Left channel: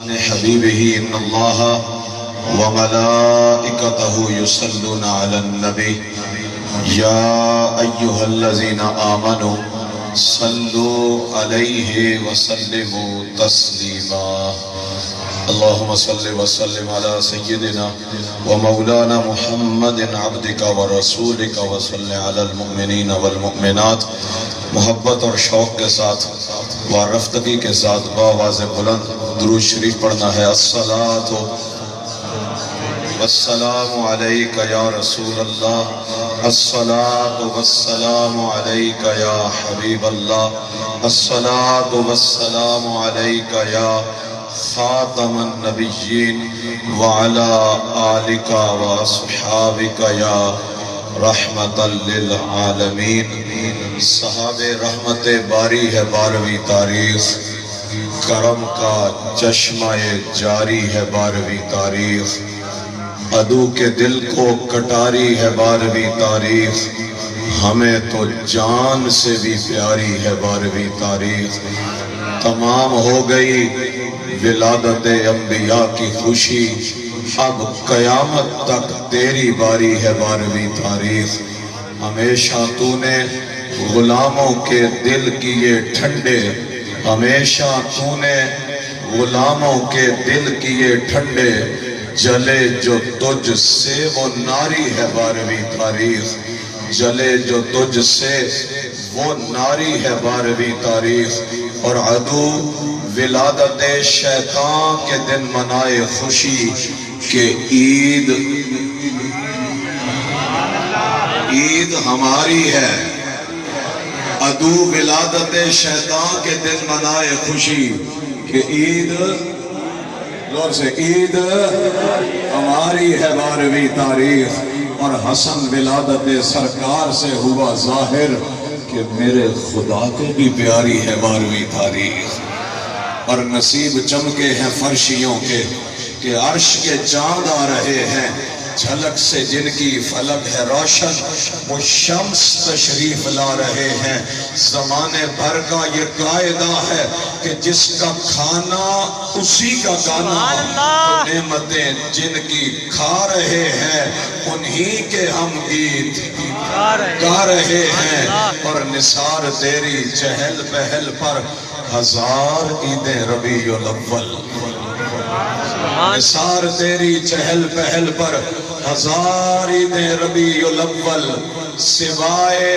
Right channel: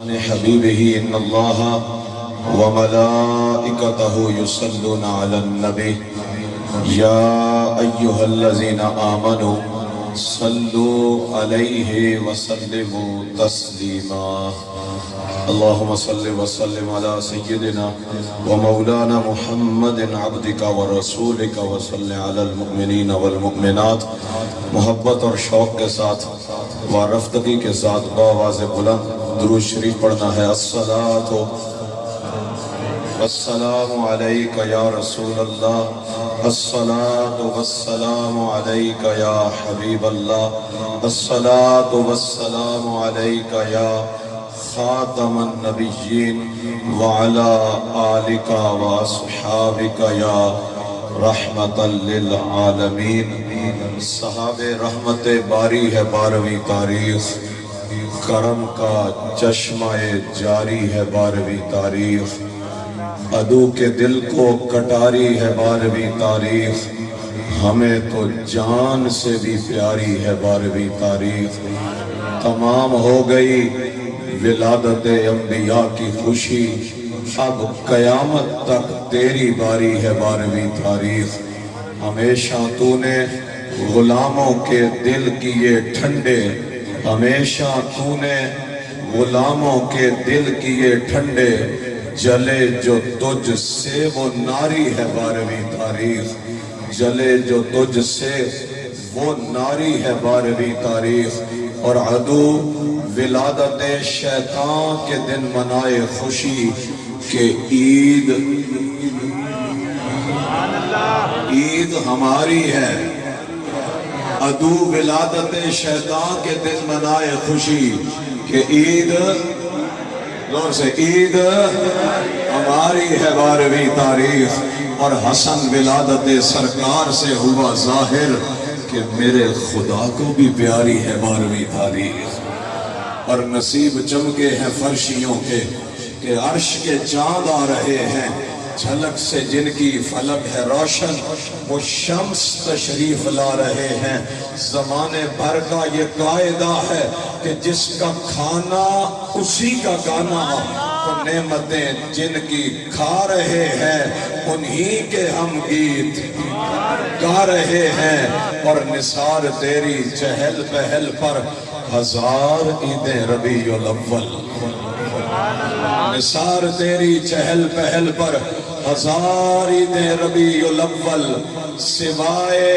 حبيبه إن الله وملائكته يصلون على النبي يا أيها الذين آمنوا صلوا عليه وسلموا تسليما اللهم صل وسلم على سيدنا ومولانا محمد عبدك ورسولك وصل على المؤمنین والمؤمنات محبت اور شوق کے ساتھ وارفتگی کے ساتھ بآواز بلند درود شریف پڑھنا ہے۔ الصلاۃ والسلام علیک یا رسول اللہ، الصلاۃ والسلام علیک یا حبیب اللہ، الصلاۃ والسلام علیک یا خاتم النبیین وعلی آلک واصحابک یا رحمت للعالمین۔ صحاب رحمت باری ہے 12ویں تاریخ، کرم کا چشمہ جاری ہے 12ویں تاریخ، عدو کے دل کو کٹاری ہے 12ویں تاریخ، ہمیں تو جان سے بھی پیاری ہے 12ویں تاریخ۔ تمام ہو گئی ولادت انبیاء کی خوشی، اب قیامت تک تیری باری ہے 12ویں تاریخ۔ ہمیشہ تو نے غلاموں کے دل کیے ٹھنڈے، ہمیشہ تو نے غلاموں کے دل کیے ٹھنڈے، جلے جو تجھ سے وہ ناری ہے 12ویں تاریخ، جلے جو تجھ سے وہ ناری ہے 12ویں تاریخ۔ اور عدو ولادت شیطان کے دن منائے خوشی کہ عید ہماری ہے، عدو ولادت شیطان کے دن منائے خوشی کہ عید زور سے عید ہماری ہے 12ویں تاریخ۔ اور حسن ولادت سرکار سے ہوا ظاہر کہ میرے خدا کو بھی پیاری ہے 12ویں تاریخ۔ اور نصیب چمکے ہیں فرشیوں کے کہ عرش کے چاند آ رہے ہیں، جھلک سے جن کی فلک ہے روشن، وہ شمس تشریف لا رہے ہیں۔ زمانے بھر کا یہ قاعدہ ہے کہ جس کا کھانا اسی کا گانا، تو نعمتیں جن کی کھا رہے ہیں انہی کے ہم گیت گا رہے ہیں۔ اور نثار تیری چہل پہل پر 1000 عیدیں ربیع الاول، نثار تیری چہل پہل پر 1000 عیدیں ربیع الاول، سوائے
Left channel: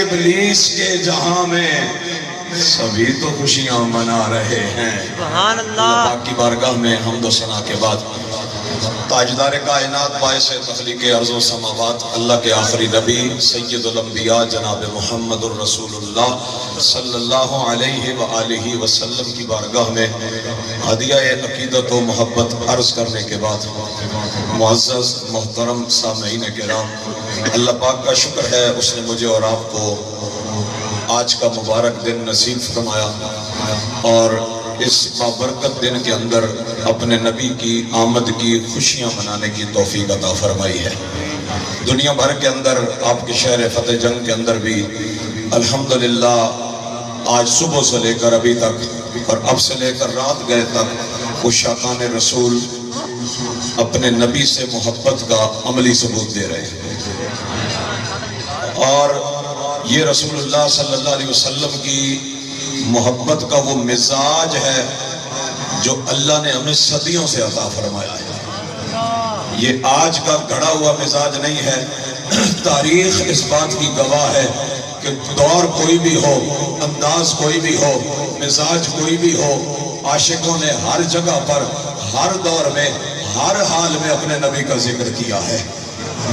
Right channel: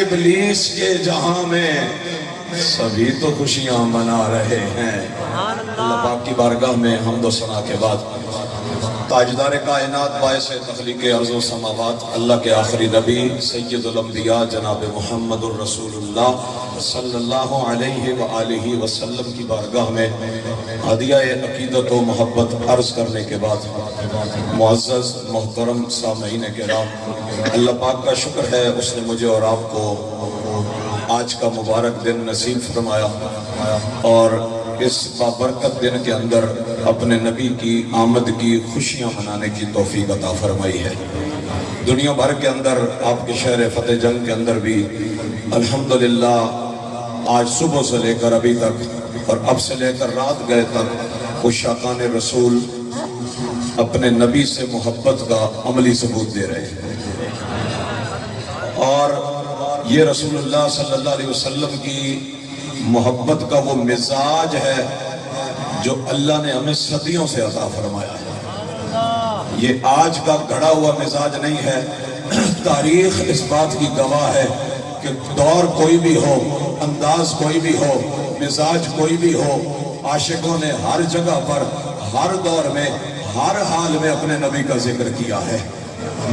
ابلیس کے جہاں میں سبھی تو خوشیاں منا رہے ہیں۔ اللہ پاک کی بارگاہ میں حمد و ثنا کے بعد تاجدار کائنات باعث تخلیق ارض و سماوات اللہ کے آخری نبی سید الانبیاء جناب محمد الرسول اللہ صلی اللہ علیہ وآلہ وسلم کی بارگاہ میں ہدیہ عقیدت و محبت عرض کرنے کے بعد معزز محترم سامعین کرام، اللہ پاک کا شکر ہے اس نے مجھے اور آپ کو آج کا مبارک دن نصیب فرمایا اور اس بابرکت دن کے اندر اپنے نبی کی آمد کی خوشیاں منانے کی توفیق عطا فرمائی ہے۔ دنیا بھر کے اندر آپ کے شہر فتح جنگ کے اندر بھی الحمدللہ آج صبح سے لے کر ابھی تک اور اب سے لے کر رات گئے تک عشاقان رسول اپنے نبی سے محبت کا عملی ثبوت دے رہے ہیں۔ اور یہ رسول اللہ صلی اللہ علیہ وسلم کی محبت کا وہ مزاج ہے جو اللہ نے ہمیں صدیوں سے عطا فرمایا ہے۔ یہ آج کا گھڑا ہوا مزاج نہیں ہے، تاریخ اس بات کی گواہ ہے کہ دور کوئی بھی ہو، انداز کوئی بھی ہو، مزاج کوئی بھی ہو، عاشقوں نے ہر جگہ پر ہر دور میں ہر حال میں اپنے نبی کا ذکر کیا ہے۔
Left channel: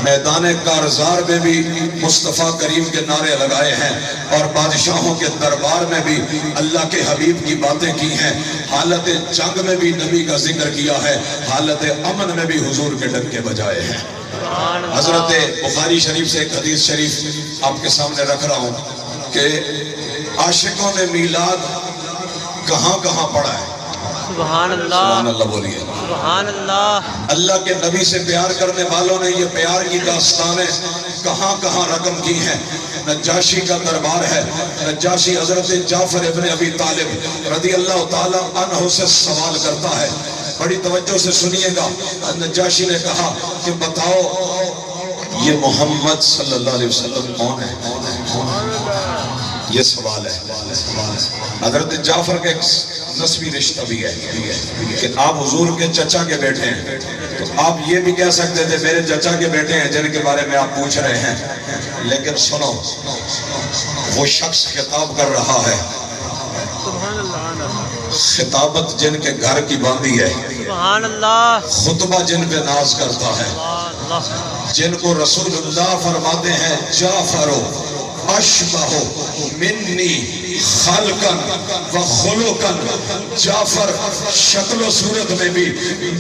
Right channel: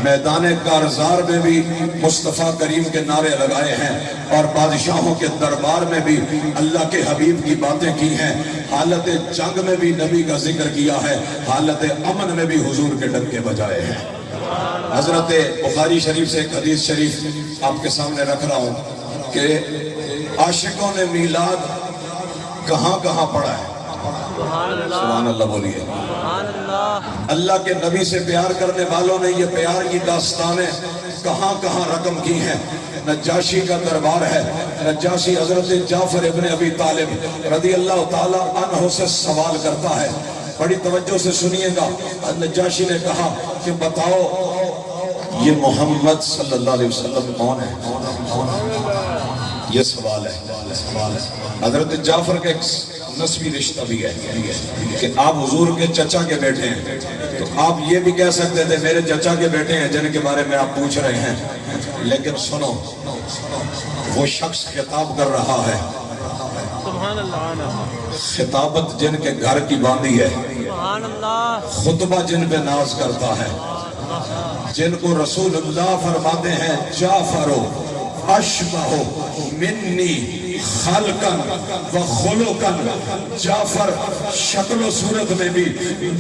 میدان کارزار میں بھی مصطفیٰ کریم کے نعرے لگائے ہیں اور بادشاہوں کے دربار میں بھی اللہ کے حبیب کی باتیں کی ہیں، حالت جنگ میں بھی نبی کا ذکر کیا ہے، حالت امن میں بھی حضور کے ڈنکے بجائے ہیں۔ حضرت بخاری شریف سے ایک حدیث شریف آپ کے سامنے رکھ رہا ہوں کہ عاشقوں نے میلاد کہاں کہاں پڑھا ہے۔ سبحان اللہ سبحان اللہ بولیے. سبحان اللہ اللہ کے نبی سے پیار کرنے والوں نے یہ پیار کی داستانیں کہاں کہاں رقم کی ہیں. نجاشی کا دربار ہے. نجاشی حضرت جعفر ابن ابی طالب رضی اللہ تعالی عنہ سے سوال کرتا ہے. بڑی توجہ سے سنیے گا. نجاشی نے کہا کہ بتاؤ یہ محمد صلی اللہ علیہ وسلم کون ہے؟ یہ سوال ہے. حضرت جعفر کا ایک نسبی رشتہ بھی ہے کہ آپ حضور کے چچا کے بیٹے ہیں، تو آپ یہ بھی کہہ سکتے تھے میرے چچا کے بیٹے ہیں جن کے بارے میں آپ پوچھ رہے ہیں. لیکن سنو، وہ شخص خطاب کر رہا ہے. سبحان اللہ خطابت جن کے گھر کی باندھی ہے، سبحان اللہ خطبہ جن پہ ناز کرتا ہے، جن کو رسول اللہ فرماتے ہیں جعفرو اشبہ منی خلقن و خلقن. جعفر شکل و صورت میں بھی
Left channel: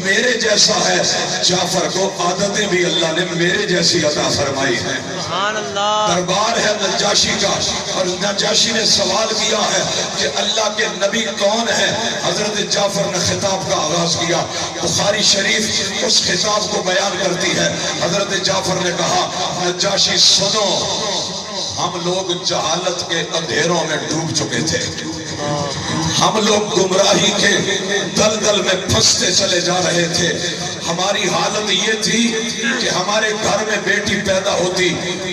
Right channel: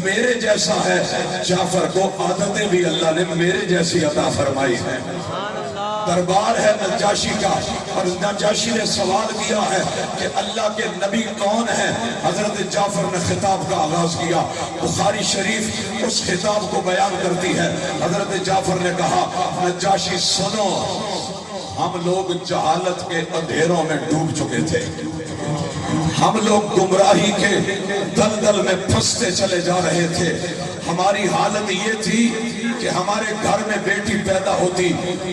میرے جیسا ہے. جعفر کو عادتیں بھی اللہ نے میرے جیسی عطا فرمائی ہے. سبحان اللہ دربار ہے نجاشی کا، اور نجاشی نے سوال کیا ہے کہ اللہ کے نبی کون ہے. حضرت جعفر نے خطاب کا آغاز کیا. بخاری شریف اس خطاب کو بیان کرتی ہے. حضرت جعفر نے کہا نجاشی سنو، ہم لوگ جہالت کے اندھیروں میں ڈوب چکے تھے. ہم لوگ گمراہی کے دلدل میں پھنستے چلے جا رہے تھے. ہماری حالت یہ تھی کہ ہمارے گھر میں بیٹی پیدا ہوتی،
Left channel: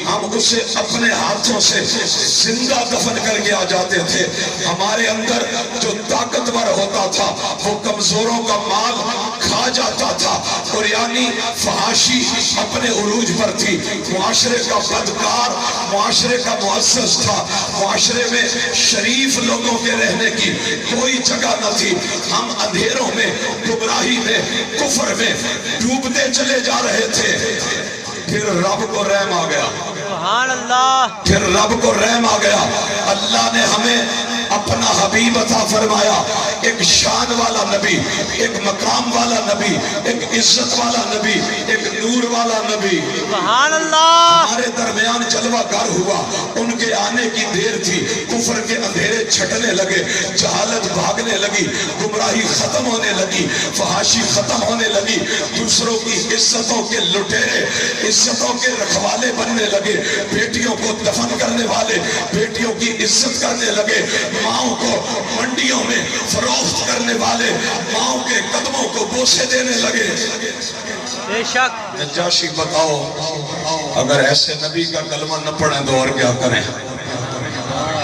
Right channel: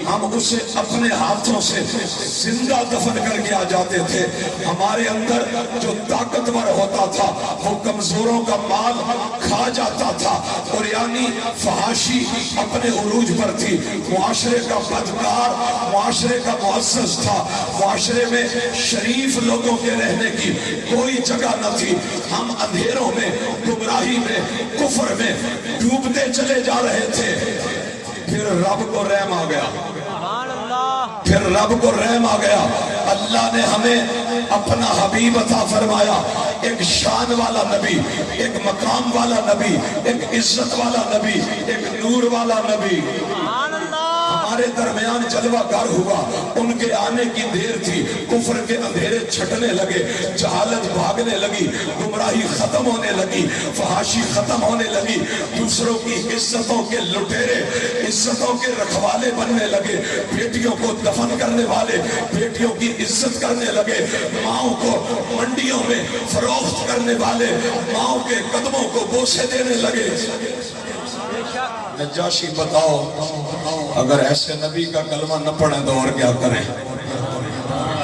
ہم اسے اپنے ہاتھوں سے زندہ دفن کر کے آ جاتے تھے. ہمارے اندر جو طاقتور ہوتا تھا وہ کمزوروں کا مال کھا جاتا تھا. اور یعنی فحاشی اپنے عروج پر تھی. معاشرے کا بدکار معاشرے کا مؤسس تھا. معاشرے میں شریف لوگوں کے رہنے کی کوئی جگہ نہ تھی. ہم اندھیروں میں، گمراہی میں، کفر میں ڈوبتے چلے جا رہے تھے. پھر رب کو رحم آ گیا. سبحان اللہ پھر رب کو رحم آ گیا. اللہ نے ہمیں اپنا حبیب عطا فرمایا. ایک شان والا نبی، ایک مقام والا نبی، ایک عزت والا نبی، ایک نور والا نبی. سبحان اللہ ہمارے درمیان جلوہ گر ہوا. ان کے آنے کی دیر تھی. کفر کے اندھیرے چھٹنے لگے، جہالت بھاگنے لگی، گمراہی ختم ہونے لگی، فحاشی ختم ہونے لگی. دوسروں کی عزتوں کے لٹیرے، عزتوں کے رکھوالے بننے لگے. بیٹیوں کو دفن کرنے والے بیٹیوں کی عزت کرنے لگے. ماؤں کو منڈیوں میں فروخت کرنے والے ماؤں کے قدموں کو بوسے دینے لگے. بے شک نجاشی بتاؤ اگر ایسے نبی کا کلمہ نہ پڑھیں تو اور کیا کریں؟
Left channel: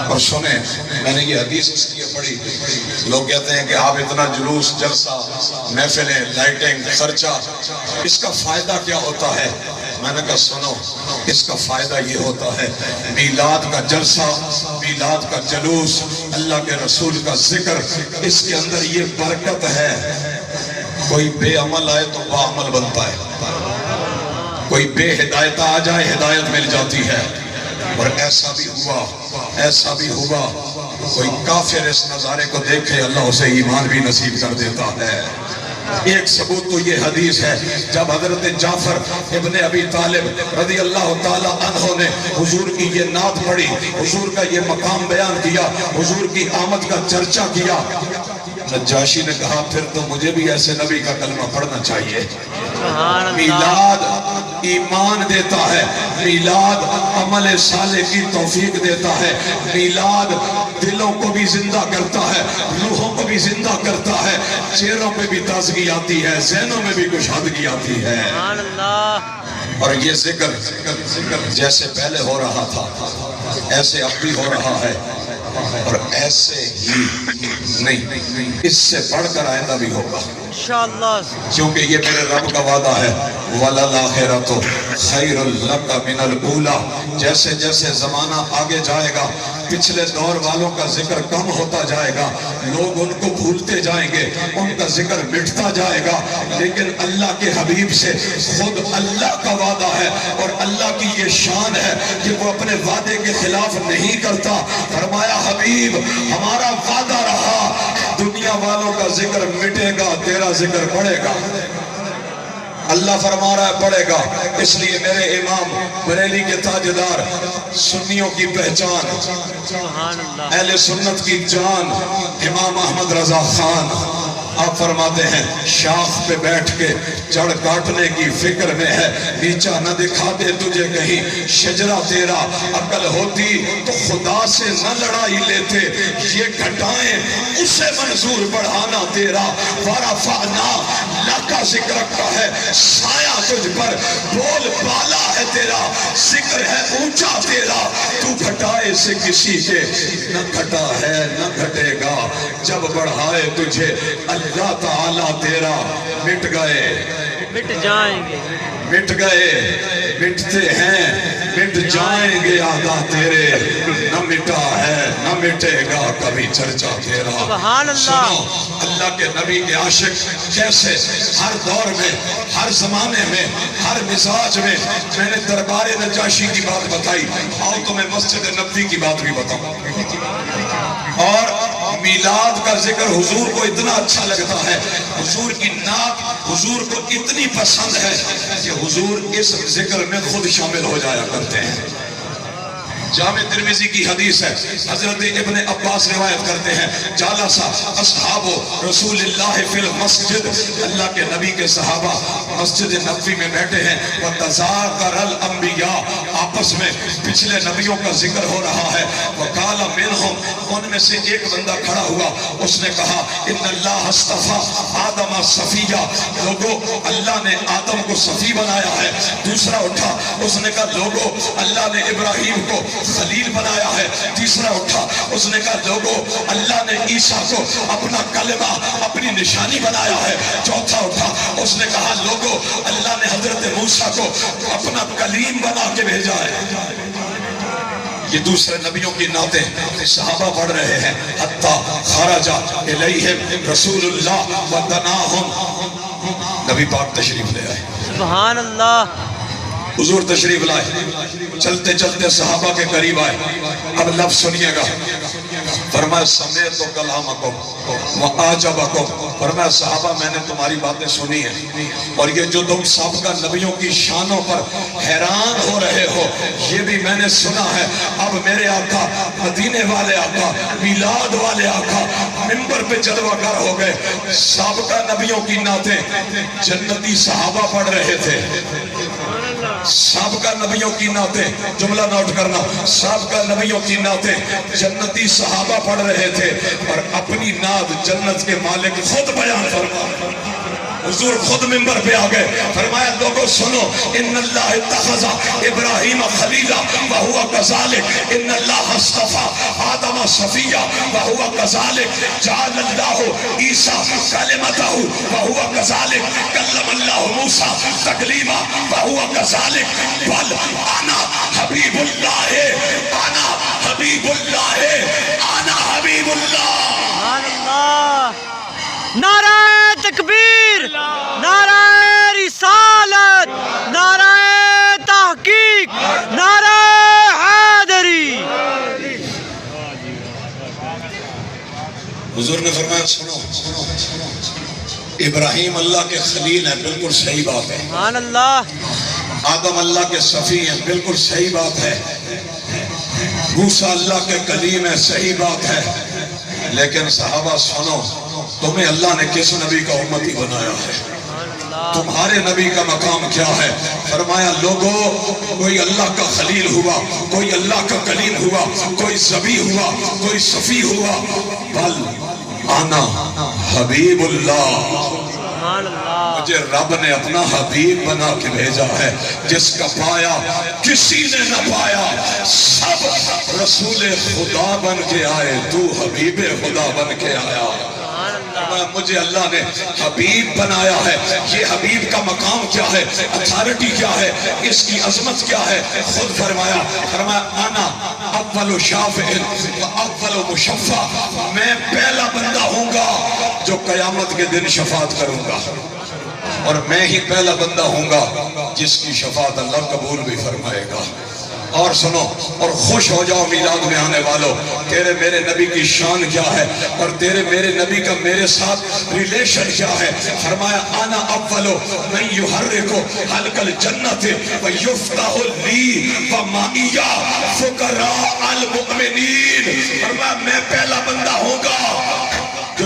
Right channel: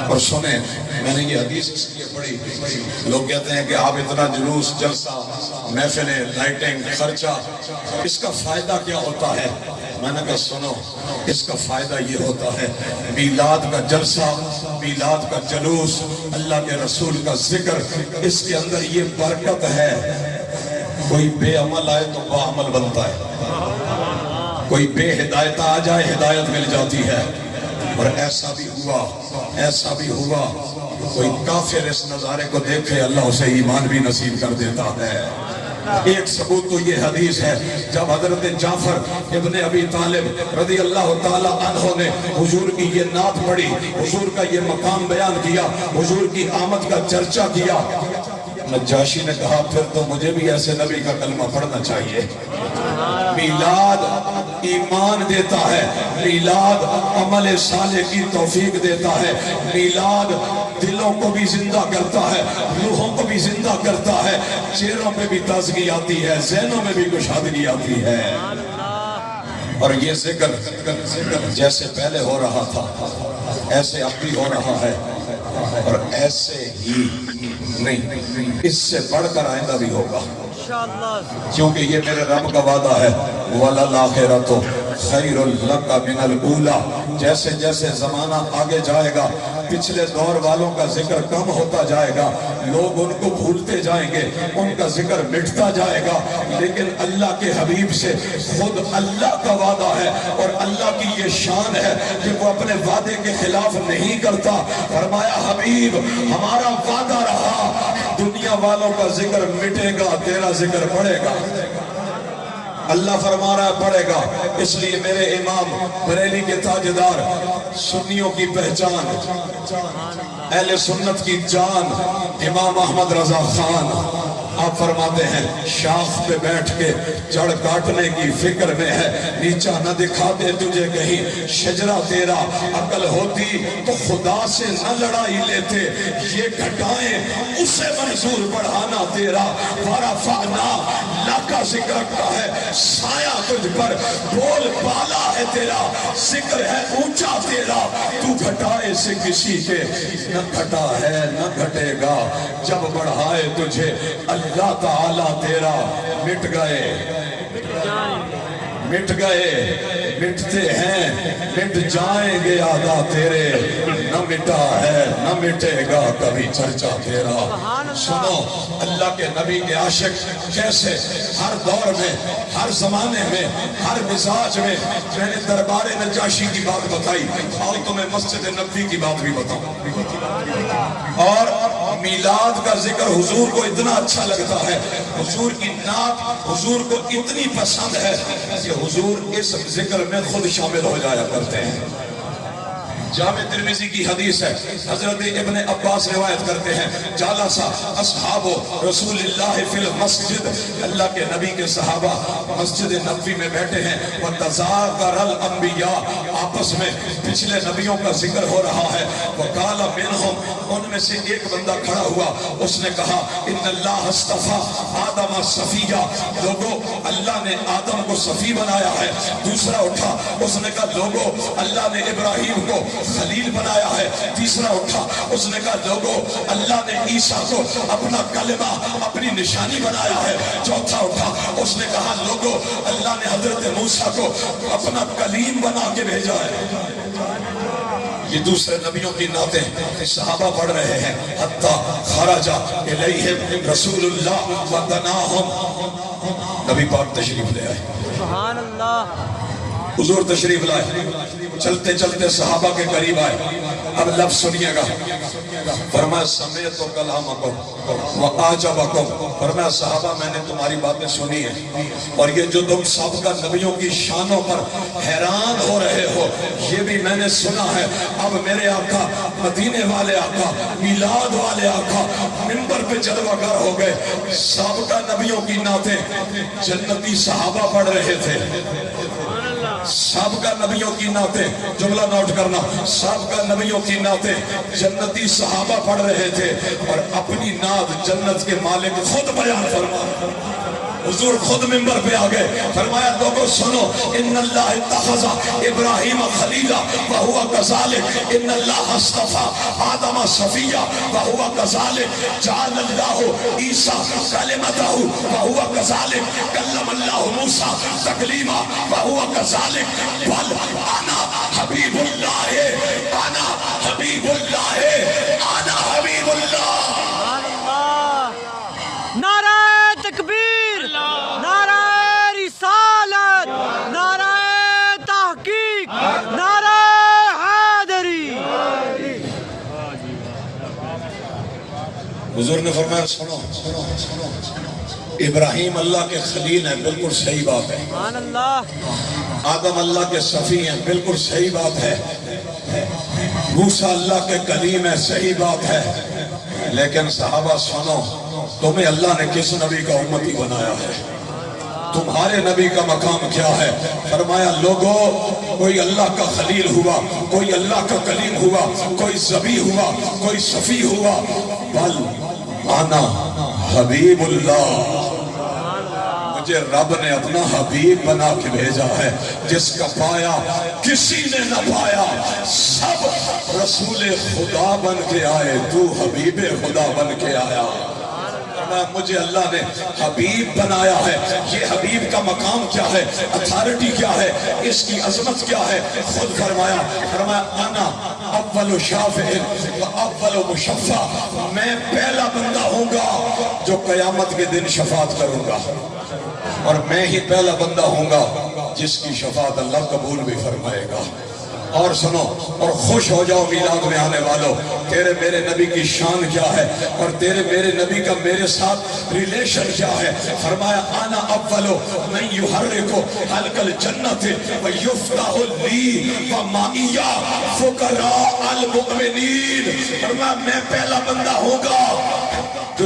اور سنیں، میں نے یہ حدیث اس لیے پڑھی. لوگ کہتے ہیں کہ آپ اتنا جلوس، جلسہ، محفلیں، لائٹنگ، خرچہ، اس کا فائدہ کیا ہوتا ہے؟ میں نے کہا سنو، اس کا فائدہ یہ ہوتا ہے میلاد کا جلسہ، میلاد کا جلوس، اللہ کے رسول کا ذکر، اس کے اندر یہ برکت ہے. کوئی بے عمل آئے تو باعمل بنتا ہے. کوئی بے ہدایت آ جائے ہدایت مل جاتی ہے. اور ایسا بھی ہوا کوئی کافر اس نظارے کو دیکھے اللہ اسے ایمان بھی نصیب کر دیتا ہے. ایک ثبوت تو یہ حدیث ہے، جب حضرت جعفر ابن ابی طالب رضی اللہ تعالی عنہ نے حضور کی یہ نعت پڑھی، حضور کا یہ مقام بیان کیا، حضور کی آمد کا چرچا کیا. نجاشی نے کہا پھر تو مجھے بھی ایسے نبی کا کلمہ پڑھنا چاہیے. میلاد ایمان دیتا ہے، میلاد عمل صالح کی توفیق دیتا ہے، میلاد دلوں کو بھی زندہ کرتا ہے، روحوں کو بھی زندہ کرتا ہے، چہروں پہ بھی تازگی آتی ہے، ذہنوں میں بھی کشادگی آتی ہے. اور یہ ذکر جیسے پہلے ہو رہا تھا ایسے اب بھی ہو رہا ہے، اور ایسے ہی نہیں، اس سے بڑھ کر آئندہ بھی ہوگا کیونکہ یہ میرے رب کا وعدہ ہے. وَلَلْآخِرَةُ خَيْرٌ لَكَ مِنَ الْأُولَى. جیسے جیسے زمانہ آگے جائے گا پچھلے دور والوں کا ذکر کم ہوتا جائے گا، لوگ ان کو بھولتے جائیں گے، ان کا ذکر مٹتا جائے گا. لیکن اللہ کے حبیب سے خود اللہ کا وعدہ ہے اور اللہ کی یہ شان ہے کہ وہ اپنے وعدے کے خلاف نہیں کرتا. فرمایا حبیب ہمارا وعدہ رہا، دنیا والوں کا ذکر مٹے گا، تیرا ذکر بڑھے گا. اللہ فرما رہا ہے پڑھے گا. اس لیے میرے امام بریلی کے تاجدار، سنیوں کی پہچان، اہل سنت کی جان، امام احمد رضا خان آپ فرماتے ہیں شاخ پہ بیٹھ کے جڑ کاٹنے کی فکر میں ہے، نیچا نہ دکھا دے تجھے کہیں شجرہ تیرا، عقل ہوتی تو خدا سے نہ لڑائی لیتے، یہ گھٹائیں اسے منظور بڑھانا تیرا، ورفعنا لکا ذکر رکھا ہے سایہ تجھ پر، بول بالا ہے تیرا، ذکر ہے اونچا تیرا، تو گھٹائے سے کسی کے نہ گھٹا ہے نہ گھٹے گا، جب بڑھائے تجھے اللہ تعالیٰ تیرا، مٹ گئے مٹ جائیں گے، مٹ گئے مٹتے ہیں مٹ جائیں گے آدھا تیرے، نہ مٹا ہے نہ مٹے گا کبھی چرچا تیرا۔ سبحان اللہ۔ سنو اللہ کے نبی کے عاشق کیسے ہر دور میں، ہر زمانے میں، ہر مزاج میں نے دربار نجاشی کی بات بتائی، اور تمہیں مسجد نبوی کی بات بھی بتاؤں، اور میلاد کا ذکر حضور کو اتنا اچھا لگتا ہے، حضور کی نعت حضور کو اتنی پسند ہے کہ حضور اس ذکر میں خود شامل ہو جایا کرتے ہیں۔ جامع ترمذی کی حدیث ہے، حضرت ابن عباس روایت کرتے ہیں، جالسا اصحاب رسول اللہ فی المسجد، اللہ کے نبی کے صحابہ مسجد نبوی میں بیٹھے ہیں، وتذاکر الانبیاء، آپس میں پچھلے نبیوں کا ذکر ہو رہا ہے، وقال منہم، ان میں سے ایک بندہ کھڑا ہوا، اس نے کہا ان اللہ اصطفیٰ آدم صفیہ، لوگوں اللہ نے آدم کو صفی بنایا ہے۔ دوسرا اٹھا، اس نے کہا لوگوں اللہ نے ابراہیم کو خلیل بنایا ہے۔ تیسرا اٹھا، اس نے کہا لوگوں اللہ نے عیسیٰ کو اپنا کلمہ اپنی نشانی بنایا ہے۔ چوتھا اٹھا، اس نے کہا لوگوں اللہ نے حضرت موسیٰ کو اپنا کلیم بنا کے بھیجا ہے۔ یہ دوسرے نبیوں کی نعتیں صحابہ پڑھ رہے ہیں، حتی خرج الیہم رسول اللہ ودناہم، نبی پاک تشریف لے آئے، سبحان اللہ، حضور تشریف لائے، چلتے چلتے صحابہ کے قریب آئے، اب لفظ سنیے گا، فرمایا سمیعت کلامکم وعجبکم، فرمایا صحابہ میں نے تمہاری باتیں سنی ہیں، اور یہ جو تم سابقہ نبیوں کی شانوں پر حیران ہو رہے ہو یہ بھی میں نے سنا ہے۔ اب میرے آقا، مدینے والے آقا، میلاد والے آقا منبر پہ جلوہ گر ہو گئے، سابقہ نبیوں کی نعتیں جنتی صحابہ پڑھ رہے تھے، سابقہ نبیوں کی نعتیں، جملہ نوٹ کرنا، سابقہ نبیوں کی نعتیں جنتی صحابہ پڑھ رہے تھے، اور اپنی نعت جنت کے مالک خود بیان فرما، حضور خود منبر پہ آگئے، فرمایا لوگوں سنو، ان اللہ اتخذ ابراہیم خلیلا وہو کذالک، ان اللہ اصطفیٰ آدم صفیہ وہو کذالک، جعل اللہ عیسیٰ کلمتہ وہو کذالک، کلم اللہ موسیٰ تکلیما وہو کذالک، بل انا حبیب اللہ، انا حبیب اللہ، انا حبیب اللہ۔ سبحان اللہ، نعرہ تکبیر، نعرہ رسالت، نعرہ تحقیق، نعرہ حیدری۔ حضور نے فرمایا سنو، ابراہیم اللہ کے خلیل ہیں، بالکل صحیح بات ہے، سبحان اللہ، آدم اللہ کے صفی ہیں، بالکل صحیح بات ہے، موسیٰ اللہ کے کلیم ہے، صحیح بات ہے، لیکن صحابہ سنو، تمہیں اللہ نے کس نبی کا امتی بنایا ہے؟ تمہارے نبی کا مقام کیا ہے؟ فرمایا لوگوں، کوئی اللہ کا خلیل ہوا، کوئی اللہ کا کلیم ہوا، کوئی ذبی ہوا، کوئی صفی ہوا، بل انا حبیب اللہ، مجھے رب نے اپنا حبیب بنا کے بھیجا ہے، جس کا پایا کسی نے نہ پایا، سب رسول خدا بن کے آئے، تو حبیب خدا بن کے آیا۔ مجھے اللہ نے حبیب بنایا ہے، یہ حبیب کا مقام کیا ہے، اتھارٹی کیا ہے، اس کی عظمت کیا ہے، خود فرمایا انا اول شافع و اول مشفع، میں پہلا بندہ ہوں گا جو قیامت کے دن شفاعت کروں گا، اور میں ہی پہلا بندہ ہوں گا جس کی شفاعت اللہ قبول بھی فرمائے گا۔ اور سنو، اور خوش ہو جاؤ میلاد میں آنے والوں، تیرے میرے نبی کی شان کیا ہے، اور تیرے میرے نبی کا میرے ساتھ ریلیشن کیا ہے۔ فرمایا انا اولو من یحرک حلق الجنت ویفتح لی ومعی فقراء المؤمنین، فرمایا میں پہلا بندہ ہوں گا جو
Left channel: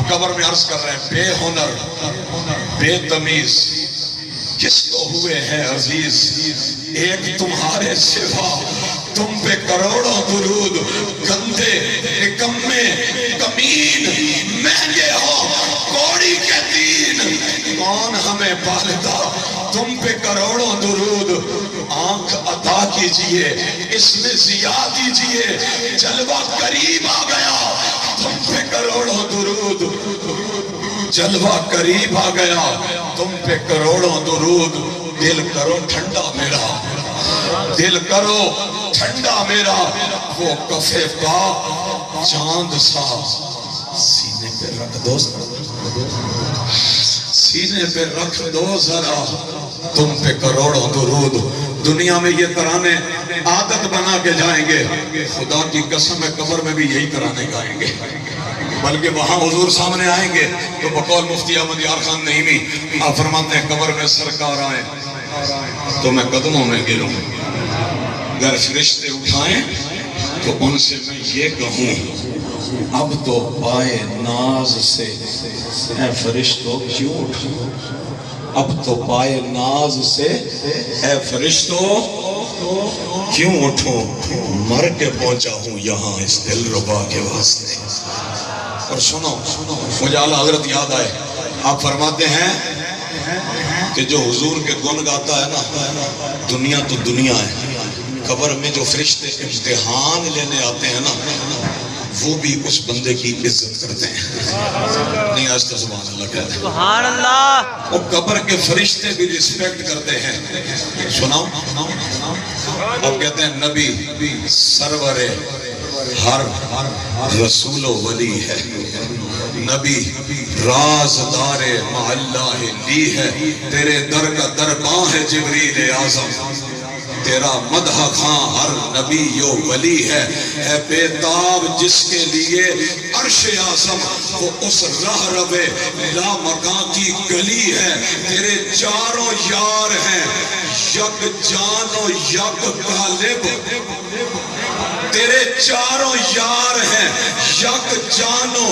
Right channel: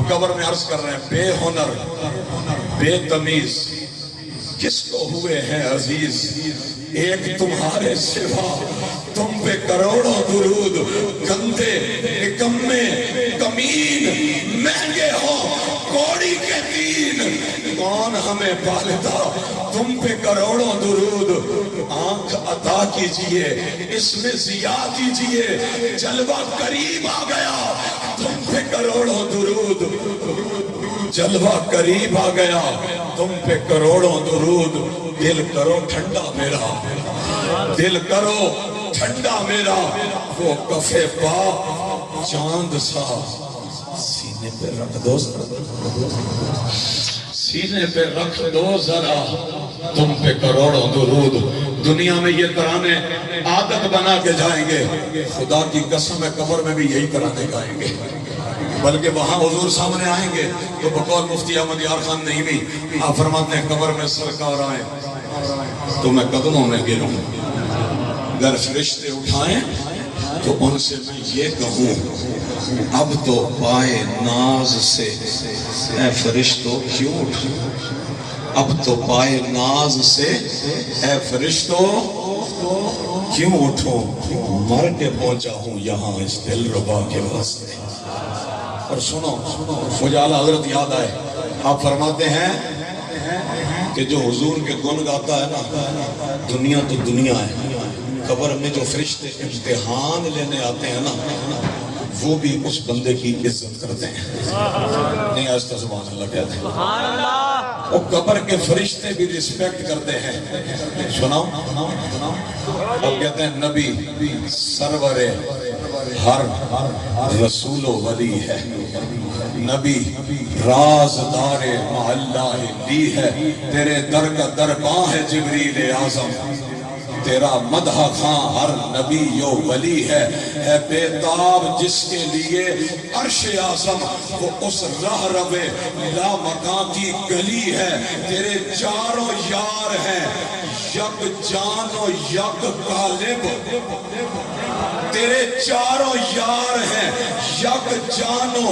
اب قبر میں عرض کر رہے ہیں بے ہنر بے تمیز کس کو ہوئے ہیں عزیز ایک تمہارے سوا تم پہ کروڑوں درود گندے نکمے کمین مہنگے ہو کوڑی کے دین کون ہمیں پالتا تم پہ کروڑوں درود آنکھ عطا کیجئے اس میں ضیا کیجئے جلوہ قریب آ گیا تم پہ کروڑوں درود جلوہ قریب آ گیا تم پہ کروڑوں درود دل کرو ٹھنڈا میرا دل کرو ٹھنڈا میرا وہ کفے پا چاند سا سینے پہ رکھ دو سینے پہ رکھ دو ذرا تم پہ کروڑوں درود دنیا میں یہ ترانے عادت بنا کے جائیں گے خدا کی قسم ہے قبر میں بھی یہی ترانے گائیں گے بلکہ وہاں حضور سامنے آئیں گے تو بقول مفتی احمد یار خان نعیمی آپ فرماتے ہیں قبر میں سرکار آئیں تو میں قدموں میں گروں اگر فرشتے اٹھائیں تو ان سے میں یہ کہوں اب تو پائے ناز سے اے فرشتوں کیوں اٹھوں اب تو پائے ناز سے اے فرشتوں کیوں اٹھوں مر کے پہنچا ہوں یہاں اس دل ربا کے واسطے اور سنو مجھے اعلیٰ حضرت یاد آئے آپ فرماتے ہیں کہ جو حضور کے گن گاتا ہے نا دنیا تو دنیا ہے قبر میں جو فرشتے امتحان لینے آتے ہیں نا وہ بھی اس بندے کی عزت کرتے ہیں نہیں آج تو سبحان اللہ کہتے ہیں سبحان اللہ وہ قبر کے فرشتے بھی ریسپیکٹ کرتے ہیں سناؤ اب کہتے ہیں نبی سرور ہر رسول و ولی ہے نبی رازدار محلہ لی ہے تیرے در کا درباں ہے جبریل اعظم تیرا مدح خاں ہر نبی یو ولی ہے اے بیتاب جس کے لیے عرش اعظم وہ اس راہ روے لا مکان کی گلی ہے تیرے چاروں یار ہیں یک جان و یک غالب تیرے چاروں یار ہیں یک جانو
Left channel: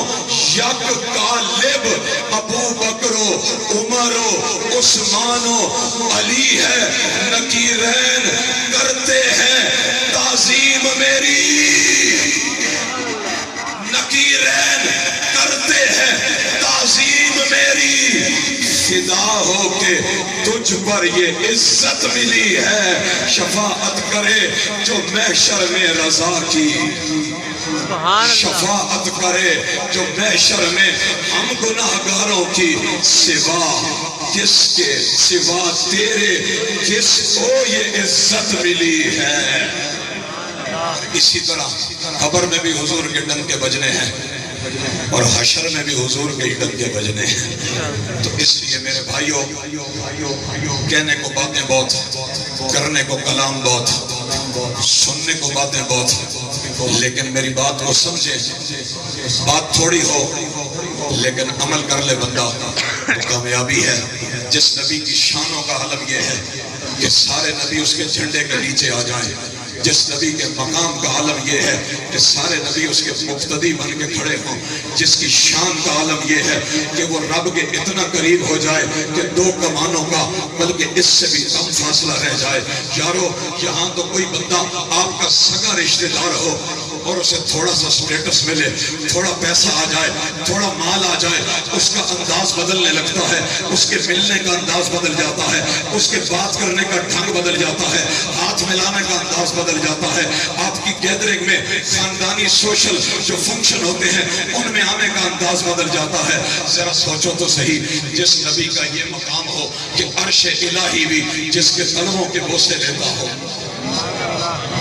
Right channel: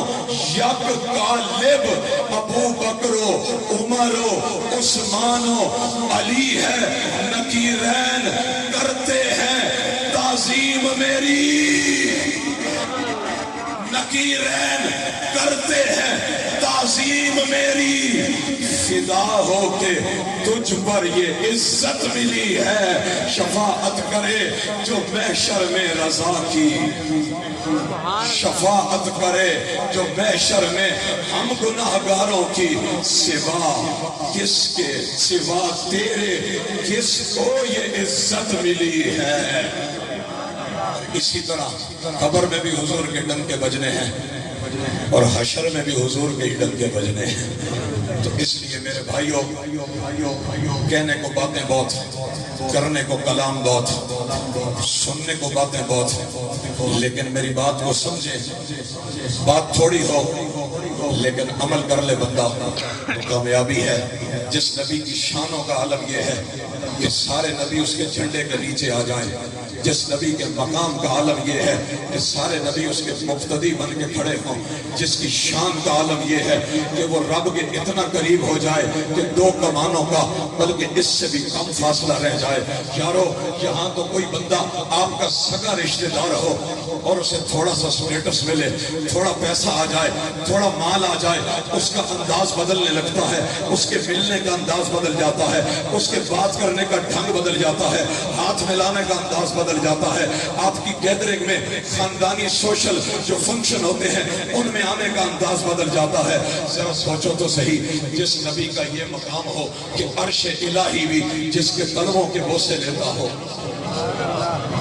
یک غالب ابو بکرو عمرو عثمانو علی ہے نکیرین کرتے ہیں تعظیم میری نکیرین کرتے ہیں تعظیم میری فدا ہو کے تجھ پر یہ عزت ملی ہے شفاعت کرے جو محشر میں رضا کی شفاعت کرے جو محشر میں ہم گناہگاروں کی سوا کس کے سوا تیرے کس کو یہ عزت ملی ہے اسی طرح قبر میں بھی حضور کے ڈنکے بجنے ہیں اور حشر میں بھی حضور کے ڈنکے بجنے ہیں تو اس لیے میرے بھائیوں کہنے کو باتیں بہت کرنے کو کلام بہت سننے کو باتیں بہت لیکن میری بات کو سمجھے بات تھوڑی ہو لیکن عمل کر لے بندہ کامیابی ہے جس نبی کی شانوں کا عالم یہ ہے کہ سارے نبی اس کے جھنڈے کے نیچے آ جائیں جس نبی کے مقام کا عالم یہ ہے کہ سارے نبی اس کے مقتدی بن کے کھڑے ہوں جس کی شان کا عالم یہ ہے کہ وہ رب کے اتنا قریب ہو جائے کہ دو کمانوں کا بلکہ اس سے بھی کم فاصلہ رہ جائے یارو یہاں تو کوئی بندہ آپ کا سگا رشتہ دار ہو اور اسے تھوڑا سا سٹیٹس ملے تھوڑا پیسہ آ جائے تھوڑا مال آ جائے اس کا انداز بدلنے لگتا ہے اس کے ملنے کا انداز بدل جاتا ہے اس کے بات کرنے کا ڈھنگ بدل جاتا ہے ہاتھ ملانے کا انداز بدل جاتا ہے آپ کی گیدرنگ میں خاندانی سوشل جو فنکشن ہوتے ہیں ان میں آنے کا انداز بدل جاتا ہے ذرا سوچو تو صحیح جس نبی کا یہ مقام ہو کہ عرش الہی بھی جس کے قلموں کے بوسے لیتا ہو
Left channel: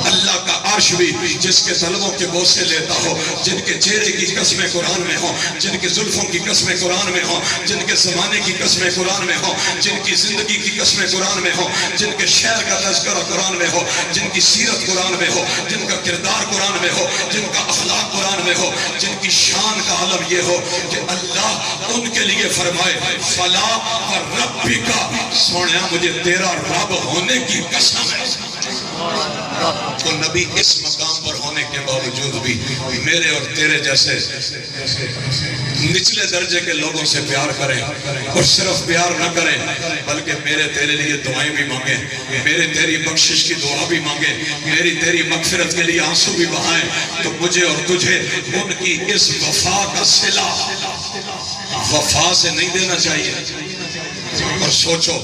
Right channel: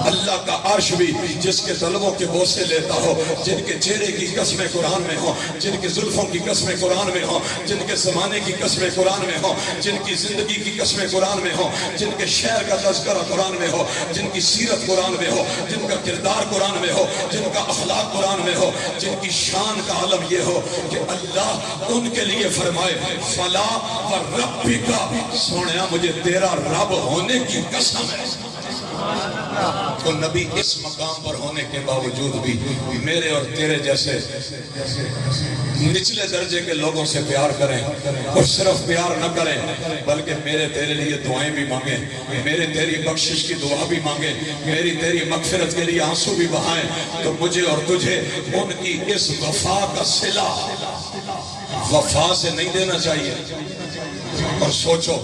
اللہ کا عرش بھی جس کے طلبوں کے بوسے لیتا ہو جن کے چہرے کی قسمیں قرآن میں ہوں جن کی زلفوں کی قسمیں قرآن میں ہوں جن کے زمانے کی قسمیں قرآن میں ہوں جن کی زندگی کی قسمیں قرآن میں ہوں جن کے شہر کا تذکرہ قرآن میں ہو جن کی سیرت قرآن میں ہو جن کا کردار قرآن میں ہو جن کا اخلاق قرآن میں ہو جن کی شان کا عالم یہ ہو کہ اللہ ان کے لیے فرمائے فلا وربک سونیا مجھے تیرا رب ہونے کی قسم ہے وہ نبی اس مقام پر ہونے کے باوجود بھی میرے اور تیرے جیسے نچلے درجے کے لوگوں سے پیار کریں، اور صرف پیار نہ کریں بلکہ میرے تیرے لیے دعائیں بھی مانگیں، میرے تیری بخشش کی دعا بھی مانگیں، میری تیری مغفرت کے لیے آنسو بھی بہائیں، تو مجھے اور تجھے ان کی اس وفا کا صلہ وفا سے نہیں دینا چاہیے۔ اور سوچو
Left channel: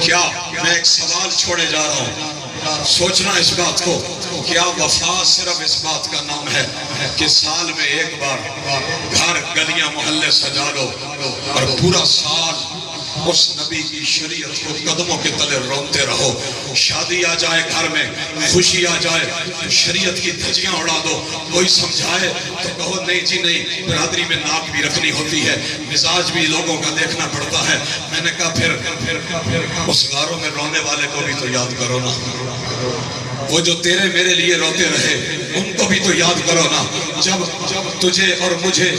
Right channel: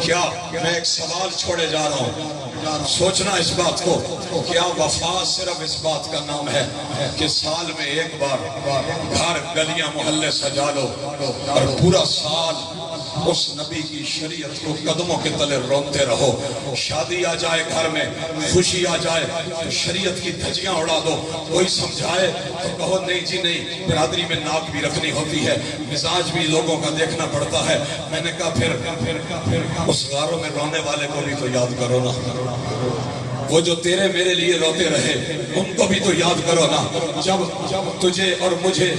کیا میں ایک سوال چھوڑے جا رہا ہوں، سوچنا اس بات کو، کیا وفا صرف اس بات کا نام ہے کہ سال میں ایک بار گھر گلیاں محلے سجا لو اور پورا سال اس نبی کی شریعت کو قدموں کے تلے روتے رہو، شادی آ جائے گھر میں، خوشی آ جائے تو شریعت کی دھجیاں اڑا دو، کوئی سمجھائے تو کہو نہیں جی نہیں، برادری میں ناک بھی رکھنی ہوتی ہے، مزاج بھی لوگوں کا دیکھنا پڑتا ہے۔ میں نے کہا پھر اس غاروں میں رونے والے کو بھی تو یاد کرو نا، وہ جو تیرے میرے لیے روتے رہے ان کو بھی تو یاد کرو نا۔ جب تجھے اور مجھے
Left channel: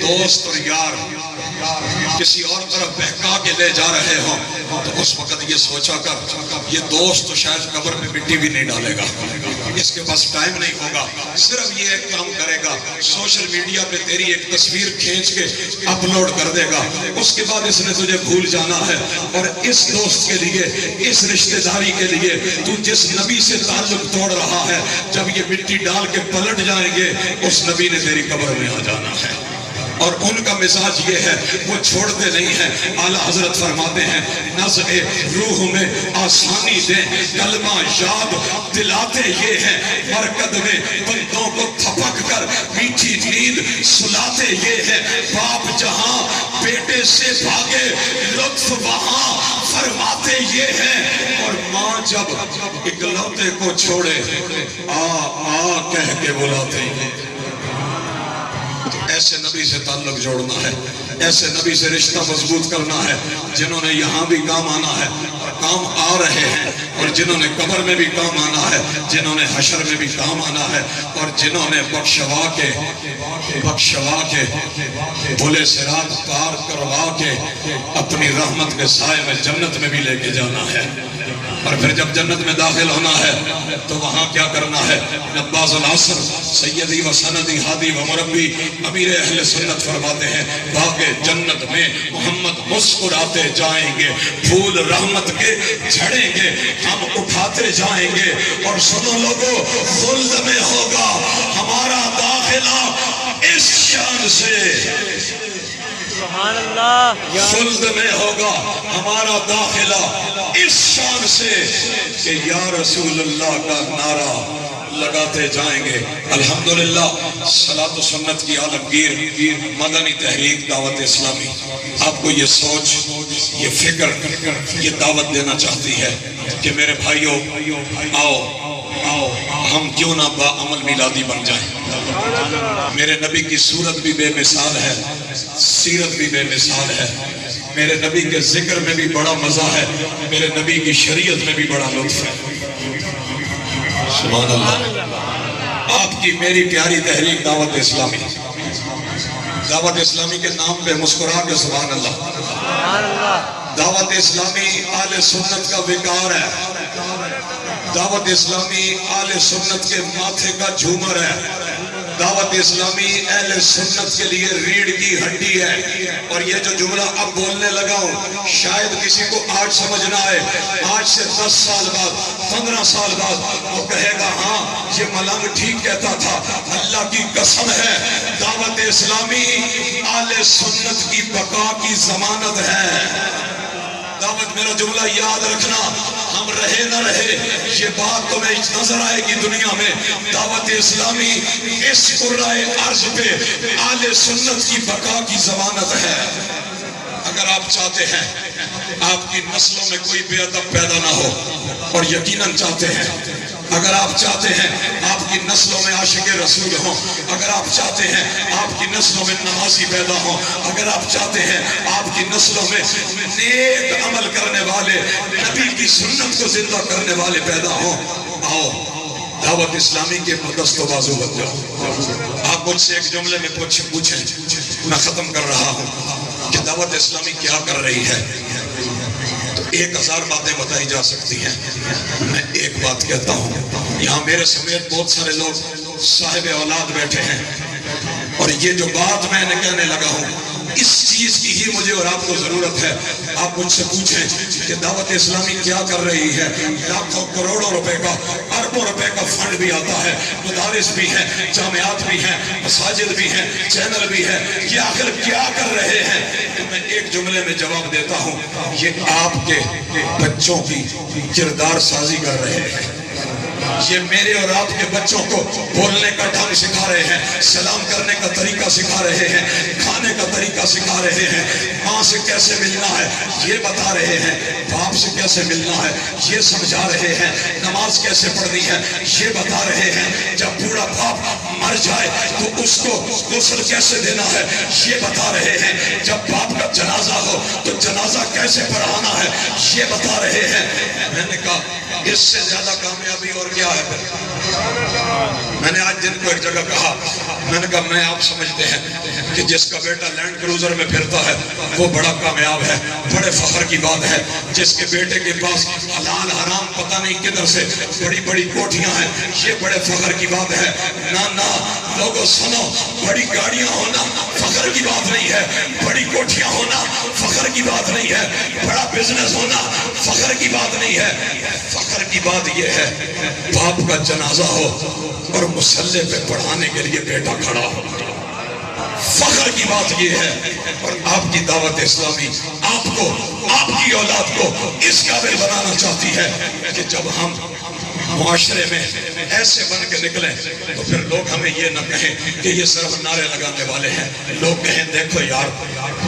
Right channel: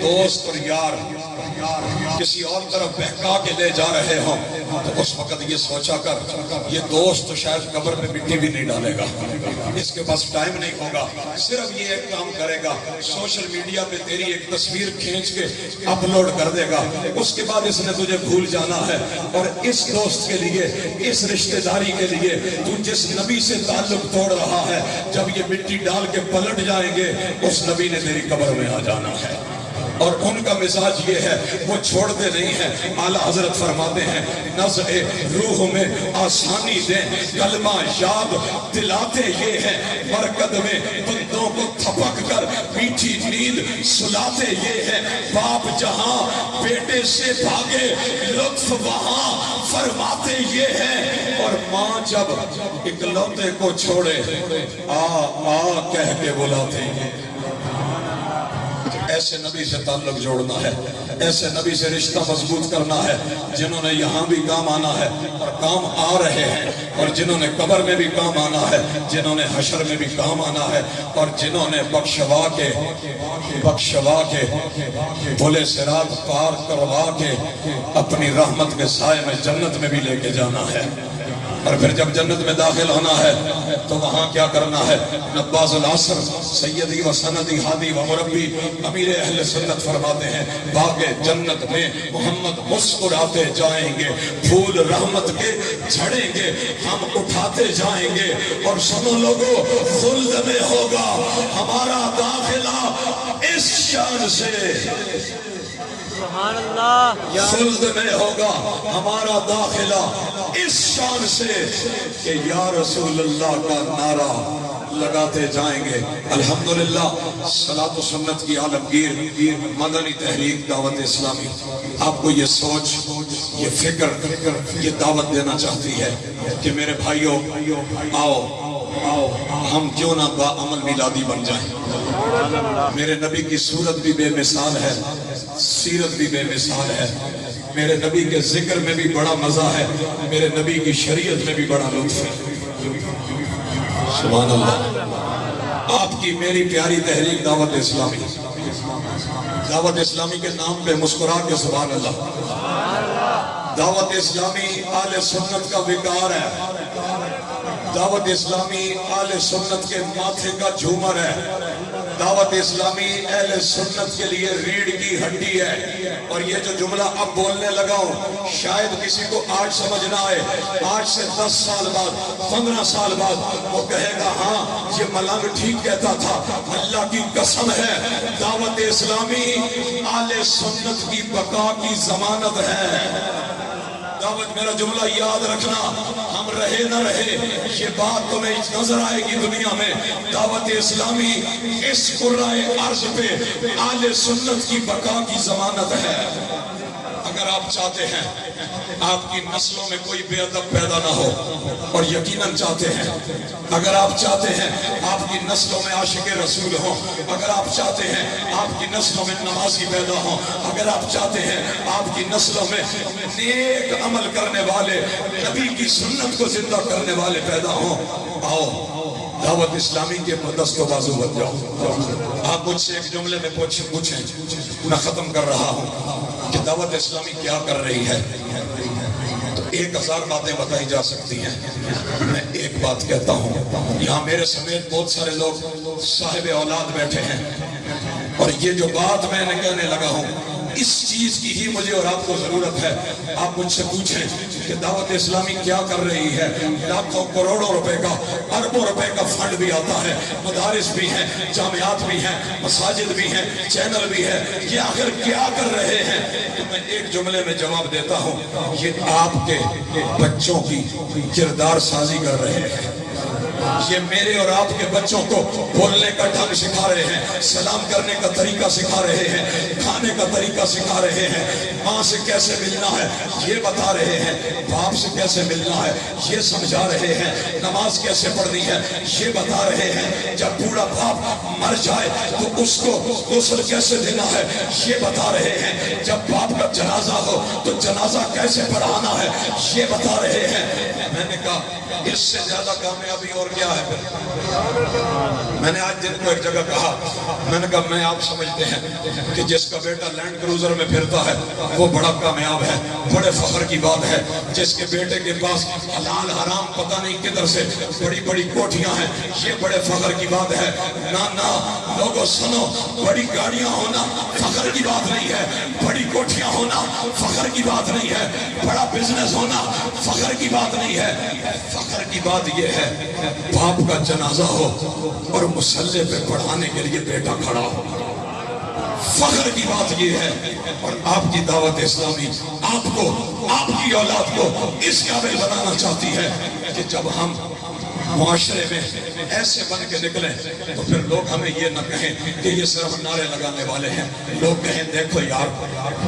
دوست اور یار کسی اور طرف بہکا کے لے جا رہے ہوں تو اس وقت یہ سوچا کر یہ دوست تو شاید قبر میں مٹی بھی نہیں ڈالے گا، اس کے پاس ٹائم نہیں ہوگا، صرف یہ ایک کام کرے گا، سوشل میڈیا پہ تیری ایک تصویر کھینچ کے اپلوڈ کر دے گا، اس کے بعد اس نے تجھے بھول جانا ہے۔ اور اس دوست کے لیے، اس رشتہ داری کے لیے تو جس نبی سے تعلق توڑ رہا ہے، جب یہ مٹی ڈال کے پلٹ جائیں گے اس نبی نے تیری قبر میں آ جانا ہے۔ اور ان کا مزاج یہ ہے، وہ چھوڑتے نہیں ہیں۔ اعلیٰ حضرت فرماتے ہیں نزع روح میں آسانی دیں، کلمہ یاد دلاتے یہ ہیں، مرکد میں بندوں کو تھپک کر میٹھی نیند سلاتے یہ ہیں، باپ جہاں بیٹے سے بھاگے لطف وہاں فرماتے یہ ہیں، اور ماں جب اکلوتے کو چھوڑے آ کہہ کے بلاتے ہیں۔ ایسے نبی سے تعلق جوڑنا ہے، ایسے نبی سے رشتہ مضبوط کرنا ہے، جنہوں نے یہاں بھی کام آنا ہے اور کام آ رہے ہیں، اور جنہوں نے قبر میں بھی کام آنا ہے، جنہوں نے حشر میں بھی کام آنا ہے، اور جنہوں نے بخشوا کے بھلے صراط پار کروا کے اپنی رحمت کے سائے میں جنت میں بھی لے کے جانا ہے۔ اور پھر جب جنت میں داخل ہونا ہے تو وہاں کیا کرنا ہے؟ نباز العصر سیدی و سندی ہادی و مربی امیر اہل سنت فرماتے ہیں باغ جنت میں محمد مسکراتے جائیں گے، پھول رحمت کے جھڑیں گے، ہم اٹھاتے جائیں گے، اور سنو لوگو خلد میں ہوگا ہمارا داخلہ اس شان سے، سبحان اللہ، خلد میں ہوگا ہمارا داخلہ اس شان سے کہ یا رسول اللہ کا نعرہ لگاتے جائیں گے۔ الحمدللہ صلاۃ و سنت کی عالمگیر مدنی تحریک دعوت اسلامی آپ کو یہ سوچ، یہ فکر، یہ دعوت دینا چاہتی ہے کہ میرے بھائیوں آؤ ہم کیوں نہ با عمل میلادی بن جائیں۔ میرے نبی کی صورت بھی بے مثال ہے، سیرت بھی بے مثال ہے، میرے نبی کے ذکر میں بھی بڑا مزہ ہے، میرے نبی کی شریعت میں بھی بڑا لطف ہے۔ سبحان اللہ۔ آپ کی میری پیاری تحریک دعوت اسلامی، دعوت اسلامی کے نام پہ مسکرا کے سبحان اللہ۔ دعوت اسلامی اہل سنت کا وقار ہے، دعوت اسلامی اہل سنت کے ماتھے کا جھومر ہے، دعوت اسلامی اہل سنت کے لیے ریڑھ کی ہڈی ہے۔ اور یہ جو جملہ اب بولنے لگا ہوں شاید کسی کو آج سمجھ نہ آئے، آج سے 10 سال بعد 15 سال بعد وہ کہے گا ہاں یہ ملنگ ٹھیک کہتا تھا۔ اللہ کی قسم ہے دعوت اسلامی اہل سنت کی بقا کی ضمانت ہے۔ دعوت میرا جملہ یاد رکھنا، ہم رہے نہ رہے یہ بات تمہیں نظر آئے گی دنیا میں، دعوت اسلامی اس قرائے عرض پہ اہل سنت کی بقا کی ضمانت ہے۔ اگر آپ چاہتے ہیں آپ کی نسلوں میں کوئی بے ادب پیدا نہ ہو، اور یقیناً چاہتے ہیں، اگر آپ چاہتے ہیں آپ کی نسلوں میں عاشق رسول ہوں، اگر آپ چاہتے ہیں آپ کی نسلوں میں نمازی پیدا ہوں، اگر آپ چاہتے ہیں آپ کی نسلوں میں نیک عمل کرنے والے، نبی کی سنت کو زندہ کرنے والے پیدا ہوں، آؤ دعوت اسلامی کے دست و بازو بن جاؤ۔ آپ مجھ سے ایک جملے میں پوچھیں، میں ختم کر رہا ہوں کہ دعوت اسلامی کیا کر رہی ہے۔ تو 1000 باتیں بتائی جا سکتی ہیں، میں ایک بات کہتا ہوں، یہاں میرے سمیت بہت سارے لوگ صاحب اولاد بیٹھے ہیں، اور یہ جو بات میں نے کہنے لگا ہوں اس چیز کی ہی مجھے اور آپ کو ضرورت ہے۔ آپ مجھ سے پوچھیں کہ دعوت اسلامی کیا کر رہی ہے؟ لاکھوں کروڑوں روپے کا، اربوں روپے کا فنڈ بھی آتا ہے، مدارس بھی ہیں، جامعات بھی ہیں، مساجد بھی ہیں، چینل بھی ہے، یہ آخر کیا کر رہے ہیں؟ تو میں ایک جملے میں جواب دیتا ہوں، یہ آپ کے بچوں کی کردار سازی کر رہے ہیں۔ یہ میرے اور آپ کے بچوں کو بولنے کا ڈھنگ سکھا رہے ہیں، سلام کرنے کا طریقہ سکھا رہے ہیں، کھانے کا طریقہ سکھا رہے ہیں، ماں سے کیسے ملنا ہے یہ بتا رہے ہیں، باپ سے کیسے ملنا ہے یہ سمجھا رہے ہیں، نماز کیسے پڑھنی ہے یہ بتا رہے ہیں، جب بوڑھا باپ مر جائے تو اس کو غسل کیسے دینا ہے یہ بتا رہے ہیں، جب باپ کا جنازہ ہو تو جنازہ کیسے پڑھانا ہے یہ بتا رہے ہیں۔ میں نے کہا اس سے زیادہ کامیابی اور کیا ہے؟ میں نے آج دن کو ایک جگہ کہا، میں نے کہا میں آپ سمجھتے ہیں کہ جس کا بیٹا لینڈ کروزر میں پھرتا ہے وہ بڑا کامیاب ہے، بڑے فخر کی بات ہے۔ جس کے بیٹے کے پاس حلال حرام پتہ نہیں کدھر سے بڑی بڑی کوٹھیاں ہیں یہ بڑے فخر کی بات ہے۔ نہ لوگوں سنو، بڑی گاڑیاں ہونا فخر کی بات نہیں ہے، بڑی کوٹھیاں ہونا فخر کی بات نہیں ہے، بڑا بزنس ہونا فخر کی بات نہیں ہے۔ فخر کی بات یہ ہے باپ کا جنازہ ہو اور مصلی پہ پڑھانے کے لیے بیٹا کھڑا ہو، فخر کی بات یہ ہے۔ اور آپ کی دعوت اسلامی آپ کو، آپ کی اولاد کو اس قابل بنانا چاہتی ہے کہ جب ہم معاشرے میں ایسے بن کے نکلیں تو پھر لوگ ہمیں یہ نہ کہیں کہ یہ صرف نعرے لگانے والے ہیں، لوگ کہیں دیکھو یار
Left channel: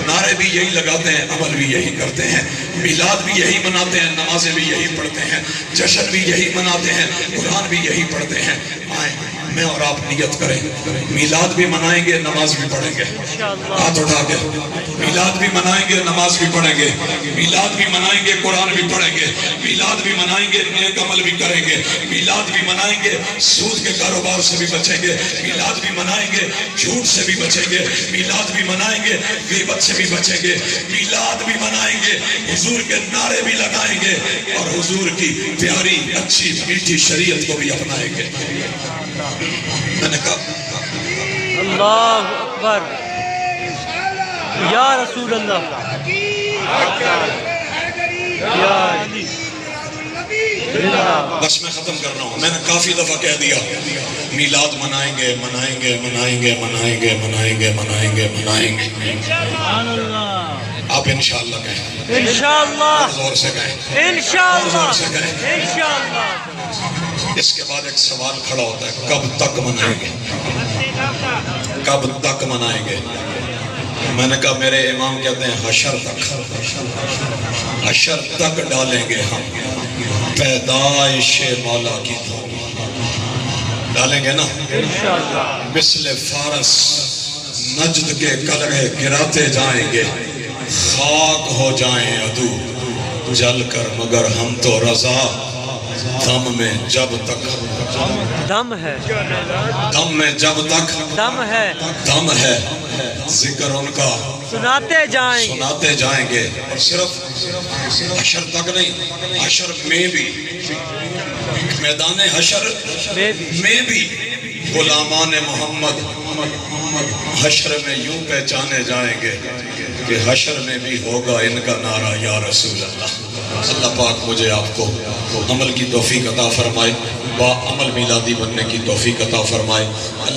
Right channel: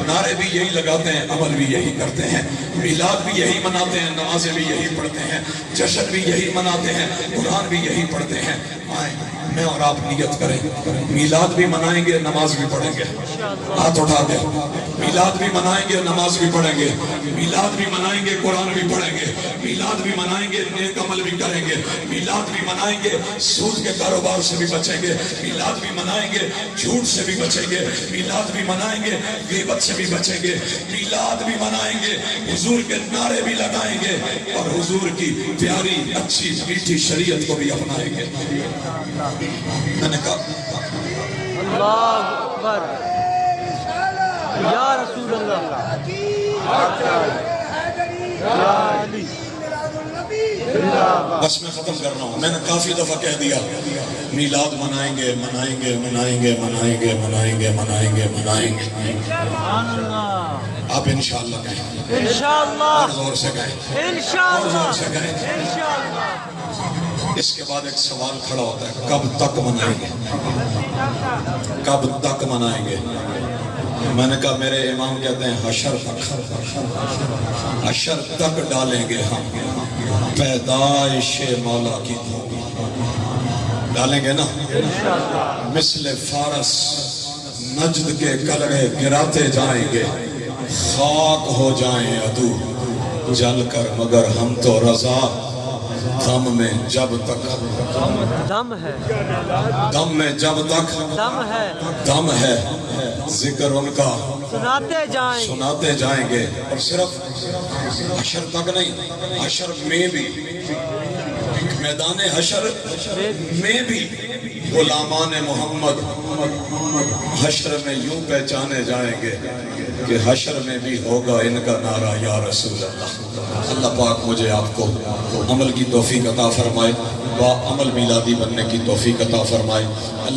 نعرے بھی یہی لگاتے ہیں، عمل بھی یہی کرتے ہیں، میلاد بھی یہی مناتے ہیں، نمازیں بھی یہی پڑھتے ہیں، جشن بھی یہی مناتے ہیں، قرآن بھی یہی پڑھتے ہیں۔ آئیں میں اور آپ نیت کریں، میلاد بھی منائیں گے، نماز بھی پڑھیں گے، ہاتھ اٹھا کے میلاد بھی منائیں گے، نماز بھی پڑھیں گے، میلاد بھی منائیں گے، قرآن بھی پڑھیں گے، میلاد بھی منائیں گے، نیک عمل بھی کریں گے، میلاد بھی منائیں گے، سود کے کاروبار سے بھی بچیں گے، میلاد بھی منائیں گے، جھوٹ سے بھی بچیں گے، میلاد بھی منائیں گے، غیبت سے بھی بچیں گے، میلاد بھی منائیں گے، حضور کے نعرے بھی لگائیں گے، اور حضور کی پیاری اچھی میٹھی شریعت کو بھی اپنائیں گے۔ میں نے کہا اللہ اکبر، یا رسول اللہ، یا علی۔ بس میں ختم کر رہا ہوں، میں نے کافی دفعہ کہہ دیا میلاد منائیں گے، منائیں گے، منائیں گے، منائیں گے، منائیں گے، منائیں گے، منائیں گے۔ سبحان اللہ، آپ انشاءاللہ کہیں، انشاءاللہ، اور زور سے کہیں، انشاءاللہ، اور زور سے کہیں۔ انشاءاللہ۔ اس کے بعد ایک سوال کھڑا ہوتا ہے، کب تک منائیں گے؟ کب تک منائیں گے؟ میں نے کہا میرے امام کہتے ہیں حشر تک، حشر تک ڈالیں گے ہم پیدائش مولا کی دھوم، ڈالیں گے نا انشاءاللہ۔ مثل فارس نجد کے قلعے گراتے جائیں گے، خاک ہو جائیں عدو جل کر، مگر ہم تو رضا دم میں جب تک، دم ہے، دم میں جب تک دم ہے، دم ہے، ذکر ان کا سناتے جائیں گے، سناتے جائیں گے۔ اور صرف حشر تک نہیں، حشر میں بھی، میدان حشر میں بھی غلامان محمد حشر میں یوں پہچانے جائیں گے کہ حشر میں بھی ہوگا ان کا نعرہ یا رسول اللہ۔ اللہ پاک مجھے آپ کو عمل کی توفیق عطا فرمائے، با عمل میلادی بننے کی توفیق عطا فرمائے۔